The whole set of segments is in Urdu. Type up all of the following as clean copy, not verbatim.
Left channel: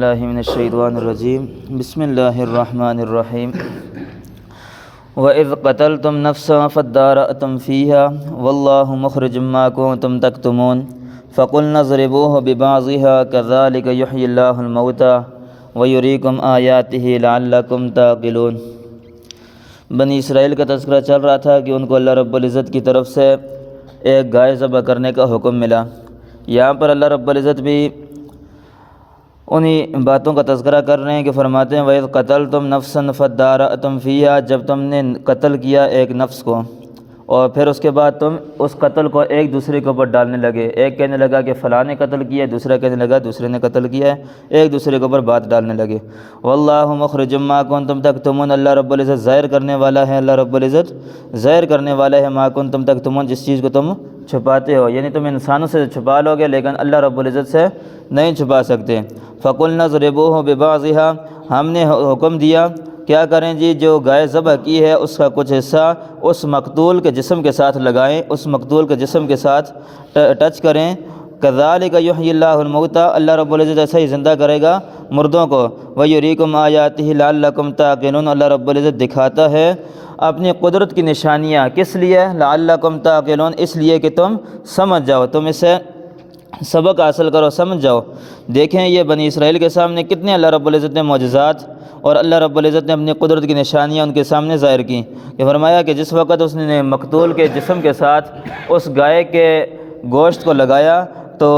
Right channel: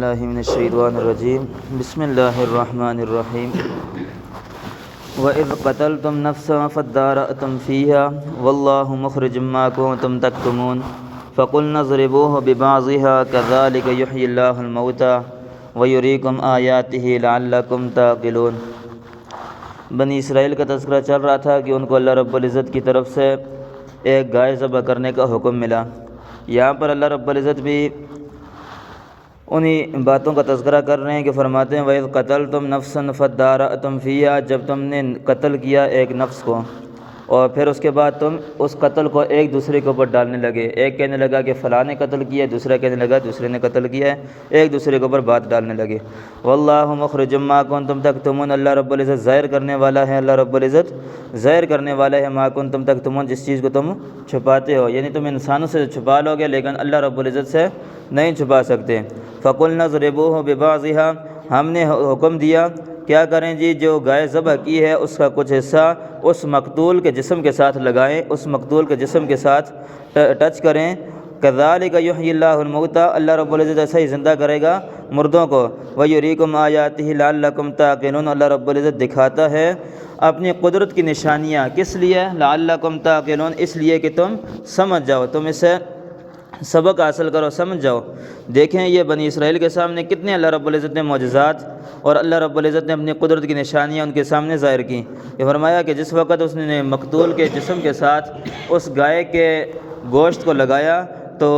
اللہ من الشیطان الرجیم بسم اللہ الرحمن الرحیم وَإِذْ قَتَلْتُمْ نَفْسًا فَادَّارَأْتُمْ فِيهَا وَاللَّهُ مُخْرِجٌ مَا كُنْتُمْ تَكْتُمُونَ فَقُلْنَا اضْرِبُوهُ بِبَعْضِهَا كَذَلِكَ يُحْيِي اللَّهُ الْمَوْتَى وَيُرِيكُمْ آيَاتِهِ لَعَلَّكُمْ تَعْقِلُونَ بنی اسرائیل کا تذکرہ چل رہا تھا کہ ان کو اللہ رب العزت کی طرف سے ایک گائے ذبح کرنے کا حکم ملا۔ یہاں پر اللہ رب العزت بھی انہی باتوں کا تذکرہ کر رہے ہیں کہ فرماتے ہیں وَإِذْ قَتَلْتُمْ نَفْسًا فَادَّارَأْتُمْ فِيهَا، جب تم نے قتل کیا ایک نفس کو اور پھر اس کے بعد تم اس قتل کو ایک دوسرے کے اوپر ڈالنے لگے۔ ایک کہنے لگا کہ فلاں نے قتل کیا ہے، دوسرا کہنے لگا دوسرے نے قتل کیا ہے، ایک دوسرے کے اوپر بات ڈالنے لگے۔ وَاللَّهُ مُخْرِجٌ مَا كُنْتُمْ تَكْتُمُونَ، اللہ رب العزت ظاہر کرنے والا ہے، اللہ رب العزت ظاہر کرنے والا ہے مَا كُنْتُمْ تَكْتُمُونَ، جس چیز کو تم چھپاتے ہو، یعنی تم انسانوں سے چھپا لو گے لیکن اللہ رب العزت سے نہیں چھپا سکتے۔ فَقُلْنَا اضْرِبُوهُ بِبَعْضِهَا، ہم نے حکم دیا کیا کریں جی، جو گائے ذبح کی ہے اس کا کچھ حصہ اس مقتول کے جسم کے ساتھ لگائیں، اس مقتول کے جسم کے ساتھ ٹچ کریں۔ كَذَلِكَ يُحْيِي اللَّهُ الْمَوْتَى، اللہ رب العزت ایسا ہی زندہ کرے گا مردوں کو۔ وَيُرِيكُمْ آيَاتِهِ لَعَلَّكُمْ تَعْقِلُونَ، اللہ رب العزت دکھاتا ہے اپنی قدرت کی نشانیاں، کس لیے؟ لَعَلَّكُمْ تَعْقِلُونَ، اس لیے کہ تم سمجھ جاؤ، تم اسے سبق حاصل کرو، سمجھ جاؤ۔ دیکھیں یہ بنی اسرائیل کے سامنے کتنے اللہ رب العزت نے معجزات اور اللہ رب العزت نے اپنی قدرت کی نشانیاں ان کے سامنے ظاہر کی۔ یہ فرمایا کہ جس وقت اس نے مقتول کے جسم کے ساتھ اس گائے کے گوشت کو لگایا تو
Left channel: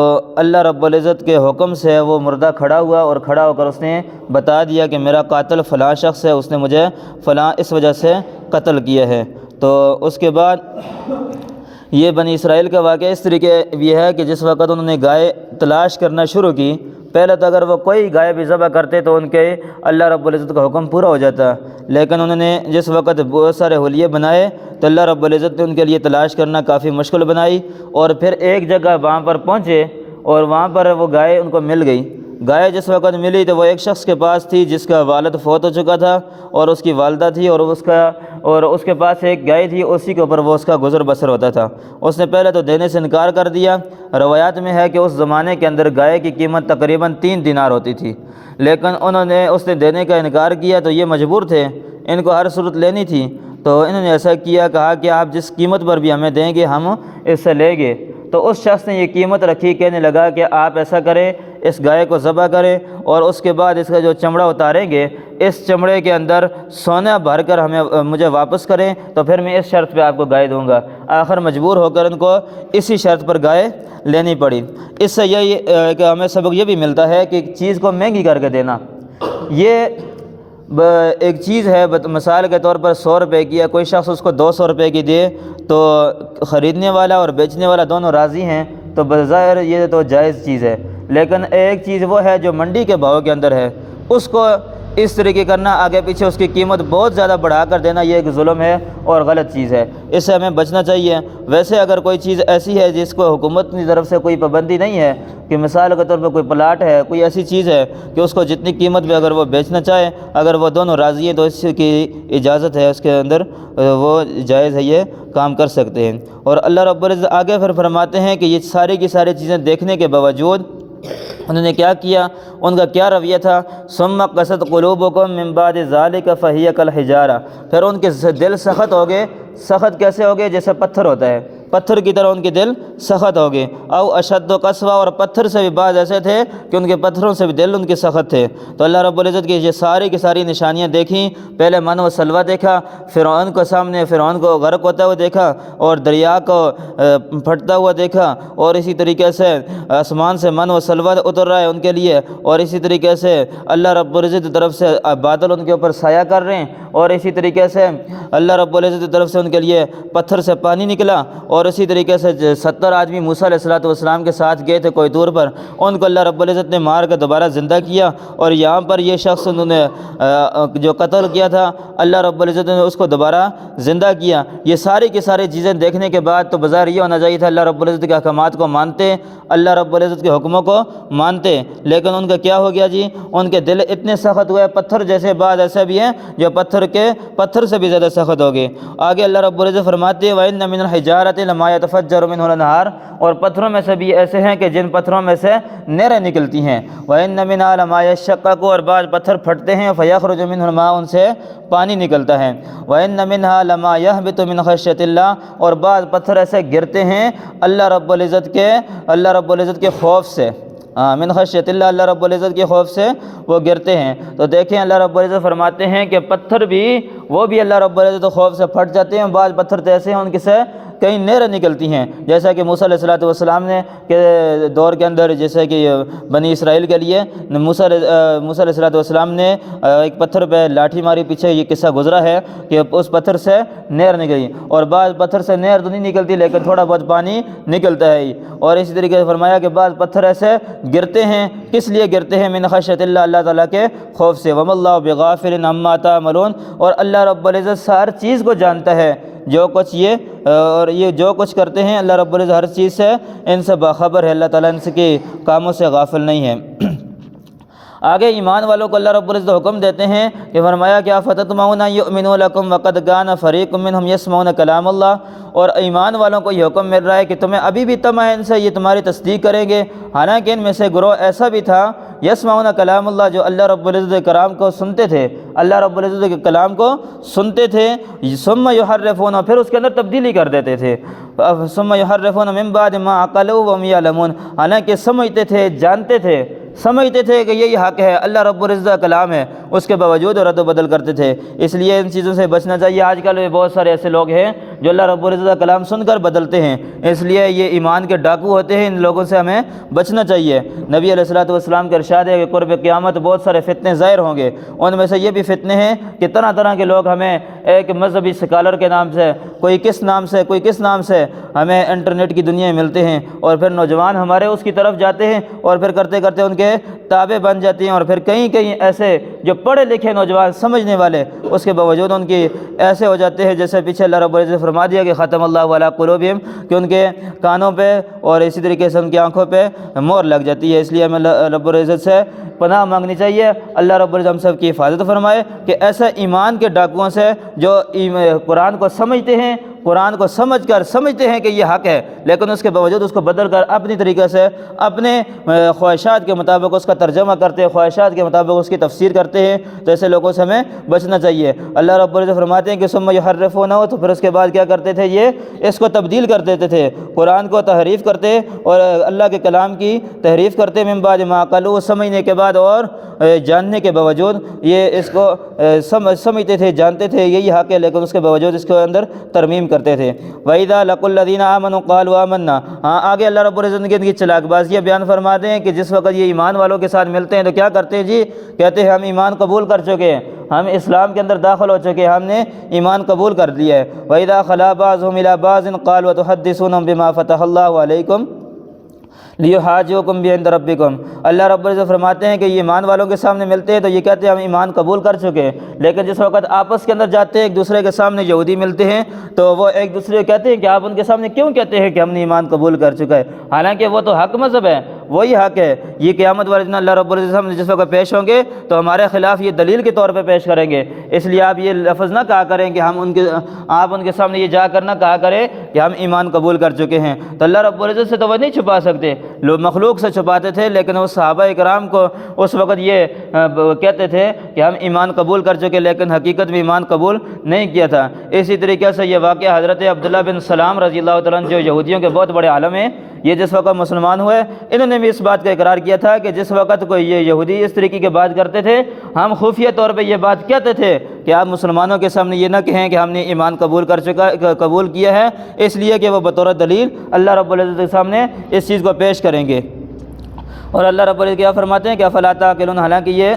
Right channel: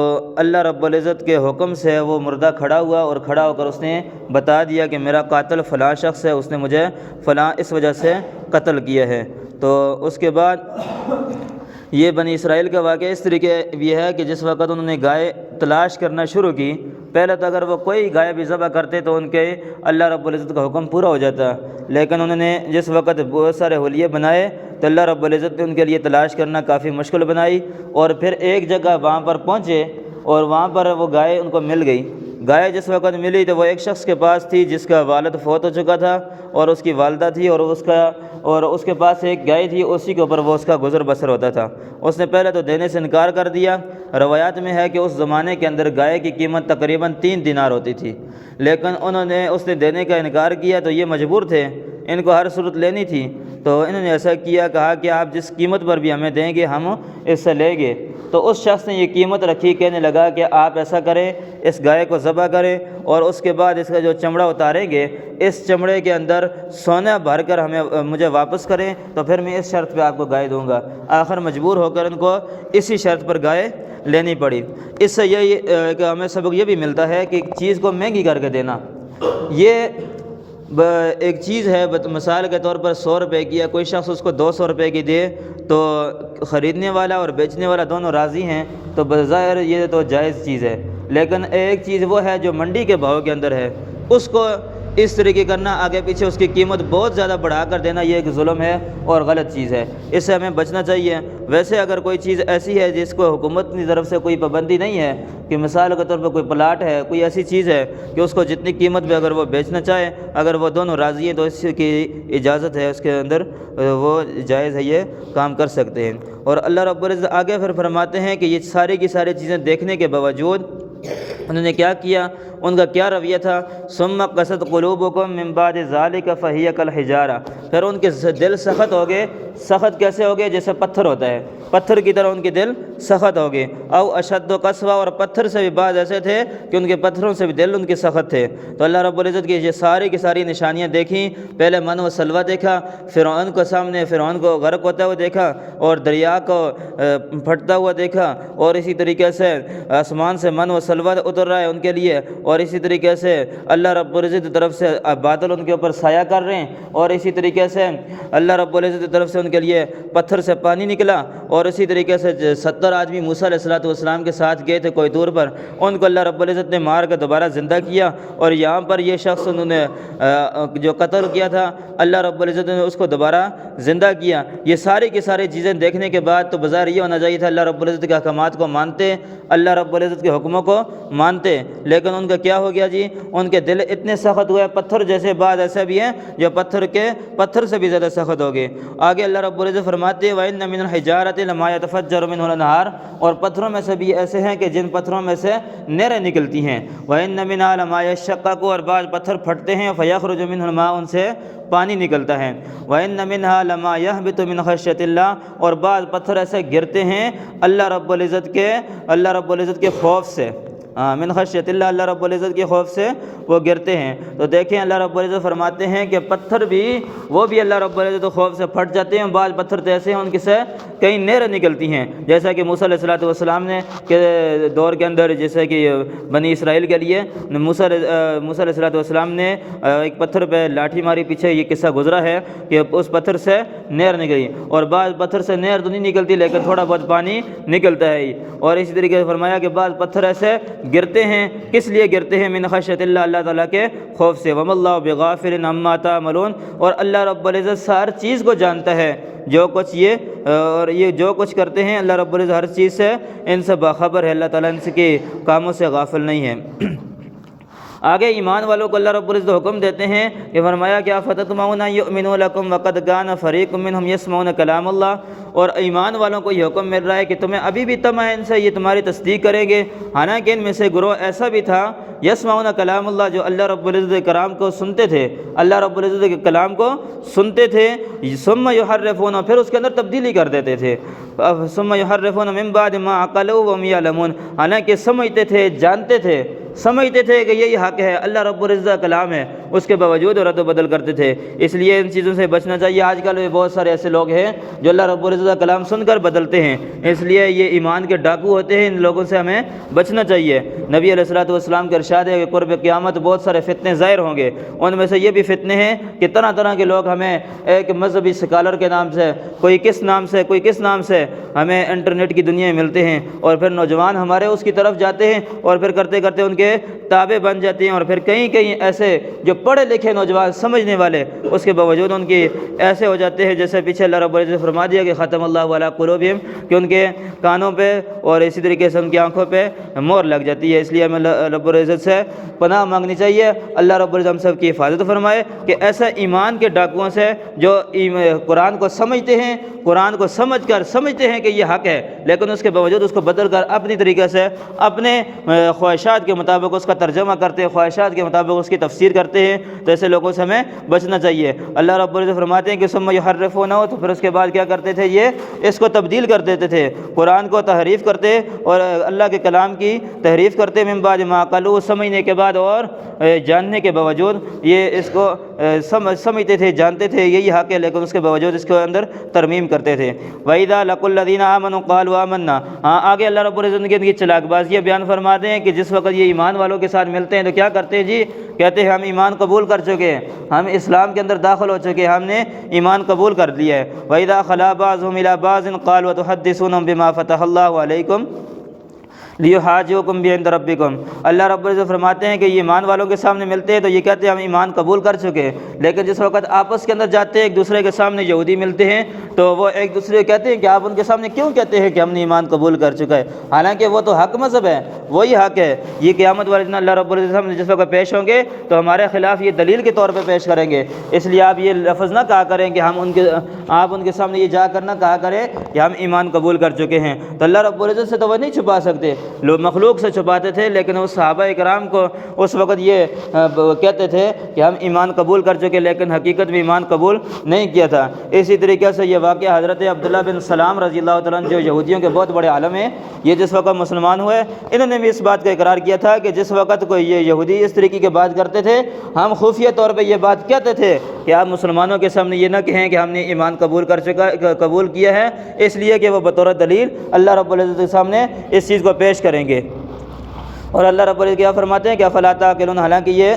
اللہ رب العزت کے حکم سے وہ مردہ کھڑا ہوا اور کھڑا ہو کر اس نے بتا دیا کہ میرا قاتل فلاں شخص ہے، اس نے مجھے فلاں اس وجہ سے قتل کیا ہے۔ تو اس کے بعد یہ بنی اسرائیل کا واقعہ اس طریقے یہ ہے کہ جس وقت انہوں نے گائے تلاش کرنا شروع کی، پہلے تو اگر وہ کوئی گائے بھی ذبح کرتے تو ان کے اللہ رب العزت کا حکم پورا ہو جاتا، لیکن انہوں نے جس وقت بہت سارے حلیے بنائے تو اللہ رب العزت نے ان کے لیے تلاش کرنا کافی مشکل بنائی، اور پھر ایک جگہ وہاں پر پہنچے اور وہاں پر وہ گائے ان کو مل گئی۔ گائے جس وقت ملی تو وہ ایک شخص کے پاس تھی جس کا والد فوت ہو چکا تھا اور اس کی والدہ تھی، اور اس کے پاس ایک گائے تھی، اسی کے اوپر وہ اس کا گزر بسر ہوتا تھا۔ اس نے پہلے تو دینے سے انکار کر دیا۔ روایات میں ہے کہ اس زمانے کے اندر گائے کی قیمت تقریباً 3 دینار ہوتی تھی، لیکن اس نے دینے کا انکار کیا تو یہ مجبور تھے، ان کو ہر صورت لینی تھی، تو انہوں نے ایسا کہا کہ آپ جس قیمت پر بھی ہمیں دیں گے ہم اس سے لیں گے۔ تو اس شخص نے یہ قیمت رکھی، کہنے لگا کہ آپ ایسا کریں، اس گائے کو ذبح کریں اور اس کے بعد اس کا جو چمڑا اتاریں گے اس چمڑے کے اندر سونا بھر کر مجھے واپس کریں تو پھر میں اس شرط پہ آپ کو گائے دوں گا۔ آخر مجبور ہو کر ان کو اسی شرط پر گائے لینی پڑی۔ اس سے یہی کہ ہمیں سبق یہ بھی ملتا ہے کہ ایک چیز کو مہنگی کر کے دینا، یہ ایک چیز ہے، مثال کے طور پر 100 روپے کی ہے، کوئی شخص اس کو 200 روپے کی دے تو خریدنے والا اور بیچنے والا دونوں راضی ہیں تو بظاہر یہ تو جائز چیز ہے، لیکن ایک چیز وہ ہے جو منڈی کے بھاؤ کے اندر ہے، اس کو اس طریقے کرنا، آگے پیچھے اس کی قیمت بہت زیادہ بڑھا کر دینا، یہ ایک ظلم ہے اور غلط چیز ہے، اس سے ہمیں بچنا چاہیے۔ ویسے اگر کوئی چیز ایسی ہے جس کو حکومت کی طرف سے کوئی پابندی نہیں ہے کہ مثال کے طور پر کوئی پلاٹ ہے، کوئی ایسی چیز ہے کہ اس کو جتنی قیمت میں اگر وہ بیچنا چاہے، اگر وہ دونوں راضی ہیں تو اس کی اجازت ہے، اس کے اندر وہ جائز ہے، یہ کام کر سکتے ہیں۔ اور اللہ رب العزت آگے پھر فرماتے ہیں کہ یہ ساری کی ساری چیزیں دیکھنے کے باوجود انہوں نے کیا کیا، ان کا کیا رویہ تھا، ثم قست قلوبکم من بعد ذلک فہی کالحجارہ، پھر ان کے دل سخت ہو گئے۔ سخت کیسے ہو گئے؟ جیسے پتھر ہوتا ہے، پتھر کی طرح ان کے دل سخت ہو گئے۔ او اشد قسوہ، اور پتھر سے بھی بعض ایسے تھے کہ ان کے پتھروں سے بھی دل ان کے سخت تھے۔ تو اللہ رب العزت کی یہ ساری کی ساری نشانیاں دیکھیں، پہلے من و سلوہ دیکھا، فرعون کو سامنے فرعون کو غرق ہوتا ہوا دیکھا اور دریا کو پھٹتا ہوا دیکھا، اور اسی طریقے سے آسمان سے من و سلوہ اتر رہا ہے ان کے لیے، اور اسی طریقے سے اللہ رب العزت کی طرف سے بادل ان کے اوپر سایہ کر رہے ہیں، اور اسی طریقے سے اللہ رب العزت کی طرف سے ان کے لیے پتھر سے پانی نکلا، اور اسی طریقے سے 70 آدمی موسیٰ علیہ السلام کے ساتھ گئے تھے کوئی دور پر، ان کو اللہ رب العزت نے مار کر دوبارہ زندہ کیا، اور یہاں پر یہ شخص انہوں نے جو قتل کیا تھا اللہ رب العزت نے اس کو دوبارہ زندہ کیا۔ یہ ساری کی ساری چیزیں دیکھنے کے بعد تو بظاہر یہ ہونا چاہیے تھا اللہ رب العزت کے احکامات کو مانتے، اللہ رب العزت کے حکموں کو مانتے، لیکن ان کا کیا ہو گیا جی، ان کے دل اتنے سخت ہوئے، پتھر جیسے بعض ایسے بھی ہیں جو پتھر سے بھی زیادہ سخت ہو گئے۔ آگے اللہ رب العزت فرماتے ہیں وَإِنَّ مِنَ الْحِجَارَةِ لما يتفجر منه الانہار، اور پتھروں میں سے بھی ایسے ہیں کہ جن پتھروں میں سے نہریں نکلتی ہیں، وَإِنَّ مِنْهَا لَمَا يَشَّقَّقُ، اور بعض پتھر پھٹتے ہیں، فَيَخْرُجُ مِنْهُ الْمَاءُ، ان سے پانی نکلتا ہے، وَإِنَّ مِنْهَا لَمَا يَهْبِطُ مِنْ خَشْيَةِ اللَّهِ، اور بعض پتھر ایسے گرتے ہیں اللہ رب العزت کے خوف سے، من خشیت اللہ، اللہ رب العزت کے خوف سے وہ گرتے ہیں۔ تو دیکھیں اللہ رب العزت فرماتے ہیں کہ پتھر بھی وہ بھی اللہ رب العزت کے خوف سے پھٹ جاتے ہیں، بعض پتھر تو ایسے ہیں ان کے سے کئی نہریں نکلتی ہیں، جیسا کہ موسیٰ علیہ السلام نے کے دور کے اندر، جیسے کہ بنی اسرائیل کے لیے موسیٰ علیہ السلام نے ایک پتھر پہ لاٹھی ماری، پیچھے یہ قصہ گزرا ہے کہ اس پتھر سے نہر نکلی، اور بعض پتھر سے نہر تو نہیں نکلتی لیکن تھوڑا بہت پانی نکلتا ہے، اور اسی طریقے سے فرمایا کہ بعض پتھر ایسے گرتے ہیں، کس لیے گرتے ہیں؟ من خشیت اللہ، اللہ تعالیٰ کے خوف سے، وَمَا اللَّهُ بِغَافِلٍ عَمَّا تَعْمَلُونَ، اور اللہ رب العزت ہر چیز کو جانتا ہے، جو کچھ یہ جو کچھ کرتے ہیں اللہ رب العزت ہر چیز سے ان سے باخبر ہے، اللہ تعالیٰ ان کے کاموں سے غافل نہیں ہے۔ آگے ایمان والوں کو اللہ رب العزت حکم دیتے ہیں کہ فرمایا کہ افتطمعون ان یؤمنوا لکم وقد کان فریق منہم یسمعون کلام اللہ، اور ایمان والوں کو یہ حکم مل رہا ہے کہ تمہیں ابھی بھی طمع ہے ان سے یہ تمہاری تصدیق کریں گے، حالانکہ ان میں سے گروہ ایسا بھی تھا یسمعون کلام اللہ، جو اللہ رب العزت کے کلام کو سنتے تھے، اللہ رب العزت کے کلام کو سنتے تھے، ثم یحرفون، پھر اس کے اندر تبدیلی کر دیتے تھے، ثم یحرفون من بعد ما عقلوا وهم یعلمون، حالانکہ سمجھتے تھے، جانتے تھے، سمجھتے تھے کہ یہی حق ہے، اللہ رب العزت کا کلام ہے، اس کے باوجود رد و بدل کرتے تھے۔ اس لیے ان چیزوں سے بچنا چاہیے۔ آج کل بہت سارے ایسے لوگ ہیں جو اللہ رب العزت کا کلام سن کر بدلتے ہیں، اس لیے یہ ایمان کے ڈاکو ہوتے ہیں، ان لوگوں سے ہمیں بچنا چاہیے۔ نبی علیہ السلام کا ارشاد ہے کہ قرب قیامت بہت سارے فتنے ظاہر ہوں گے، ان میں سے یہ بھی فتنے ہیں کہ طرح طرح کے لوگ ہمیں ایک مذہبی سکالر کے نام سے، کوئی کس نام سے ہمیں انٹرنیٹ کی دنیا میں ملتے ہیں، اور پھر نوجوان ہمارے اس کی طرف جاتے ہیں، اور پھر کرتے کرتے ان کے تابع بن جاتے ہیں، اور پھر کئی ایسے جو پڑھے لکھے نوجوان سمجھنے والے اس کے باوجود ان کی ایسے ہو جاتے ہیں جیسے پیچھے اللہ رب العزت نے فرما دیا کہ ختم اللہ علی قلوبہم، کہ ان کے کانوں پہ اور اسی طریقے سے ان کی آنکھوں پہ مہر لگ جاتی ہے۔ اس لیے ہمیں رب العزت سے پناہ مانگنی چاہیے، اللہ رب العزت ہم سب کی حفاظت فرمائے کہ ایسے ایمان کے ڈاکوؤں سے جو قرآن کو سمجھتے ہیں، قرآن کو سمجھتے ہیں کہ یہ حق ہے، لیکن اس کے باوجود اس کو بدل کر اپنی طریقے سے اپنے خواہشات کے مطابق اس کا ترجمہ کرتے ہیں، خواہشات کے مطابق اس کی تفسیر کرتے ہیں، تو ایسے لوگوں سے ہمیں بچنا چاہیے۔ اللہ رب العزت فرماتے ہیں کہ ثم یحرفونہ، تو پھر اس کے بعد کیا کرتے تھے؟ یہ اس کو تبدیل کر دیتے تھے، قرآن کو تحریف کرتے اور اللہ کے کلام کی تحریف کرتے، من بعد ما عقلوا، سمجھنے کے بعد اور جاننے کے باوجود یہ اس کو سمجھتے تھے، جانتے تھے یہی حق ہے، لیکن اس کے باوجود اس کے اندر ترمیم کرتے تھے۔ وَإِذَا لَقُوا الَّذِينَ آمَنُوا قَالُوا آمَنَّا، آگے اللہ رب العزت کی ان کی چلاک بازیاں بیان فرماتے ہیں کہ جس وقت یہ ایمان والوں کے ساتھ ملتے ہیں تو کیا کرتے ہیں جی؟ کہتے ہیں ہم ایمان قبول کر چکے ہیں، ہم اسلام کے اندر داخل ہو چکے ہیں، ہم نے ایمان قبول کر لیا ہے۔ وَإِذَا خَلَا بَعْضُهُمْ إِلَىٰ بَعْضٍ قَالُوا أَتُحَدِّثُونَهُم بِمَا فَتَحَ اللَّهُ عَلَيْكُمْ لیحاجوکم بعند ربکم، اللہ رب العزت فرماتے ہیں کہ یہ ایمان والوں کے سامنے ملتے ہیں تو یہ کہتے ہیں ہم ایمان قبول کر چکے ہیں، لیکن جس وقت آپس کے اندر جاتے ہیں ایک دوسرے کے سامنے یہودی ملتے ہیں تو وہ ایک دوسرے کہتے ہیں کہ آپ ان کے سامنے کیوں کہتے ہیں کہ ہم نے ایمان قبول کر چکا ہے، حالانکہ وہ تو حق مذہب ہے، وہی حق ہے۔ یہ قیامت والے دن اللہ رب العزت ہم جس وقت پیش ہوں گے تو ہمارے خلاف یہ دلیل کے طور پہ پیش کریں گے، اس لیے آپ یہ لفظ نہ کہا کریں کہ آپ ان کے سامنے یہ جا کر نہ کہا کریں کہ ہم ایمان قبول کر چکے ہیں، تو اللہ رب العزت سے تو وہ نہیں چھپا سکتے، لوگ مخلوق سے چھپاتے تھے، لیکن اس صحابہ کرام کو اس وقت یہ کہتے تھے کہ ہم ایمان قبول کر چکے، لیکن حقیقت میں ایمان قبول نہیں کیا تھا۔ اسی طریقے سے یہ واقعہ حضرت عبداللہ بن سلام رضی اللہ تعالیٰ عنہ جو یہودیوں کے بہت بڑے عالم ہیں، یہ جس وقت مسلمان ہوئے انہوں نے بھی اس بات کا اقرار کیا تھا کہ جس وقت کوئی یہ یہودی اس طریقے کی بات کرتے تھے ہم خفیہ طور پہ یہ بات کہتے تھے کہ آپ مسلمانوں کے سامنے یہ نہ کہیں کہ ہم نے ایمان قبول کیا ہے، اس لیے کہ وہ بطور دلیل اللہ رب العزت کے سامنے اس چیز کو پیش کریں گے۔ اور اللہ رب العزت کیا فرماتے ہیں کہ افلا تعقلون، حالانکہ یہ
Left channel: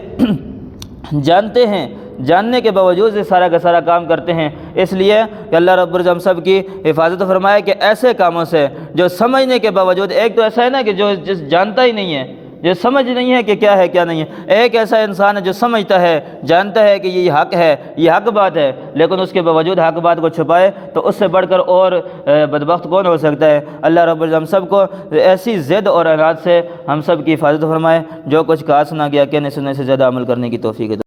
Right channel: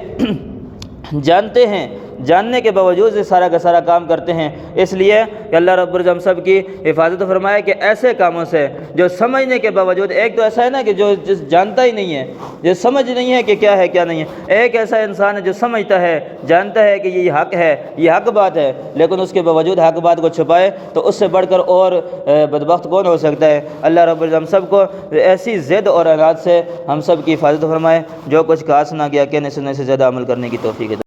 جانتے ہیں، جاننے کے باوجود یہ سارا کا سارا کام کرتے ہیں، اس لیے کہ اللہ رب العزت ہم سب کی حفاظت فرمائے کہ ایسے کاموں سے جو سمجھنے کے باوجود، ایک تو ایسا ہے نا کہ جو جانتا ہی نہیں ہے، جو سمجھ نہیں ہے کہ کیا ہے کیا نہیں ہے، ایک ایسا انسان ہے جو سمجھتا ہے، جانتا ہے کہ یہ حق ہے، یہ حق بات ہے، لیکن اس کے باوجود حق بات کو چھپائے، تو اس سے بڑھ کر اور بدبخت کون ہو سکتا ہے۔ اللہ رب العزت ہم سب کو ایسی ضد اور عناد سے ہم سب کی حفاظت فرمائے، جو کچھ کہا سنا گیا کہنے سننے سے زیادہ عمل کرنے کی توفیق دے۔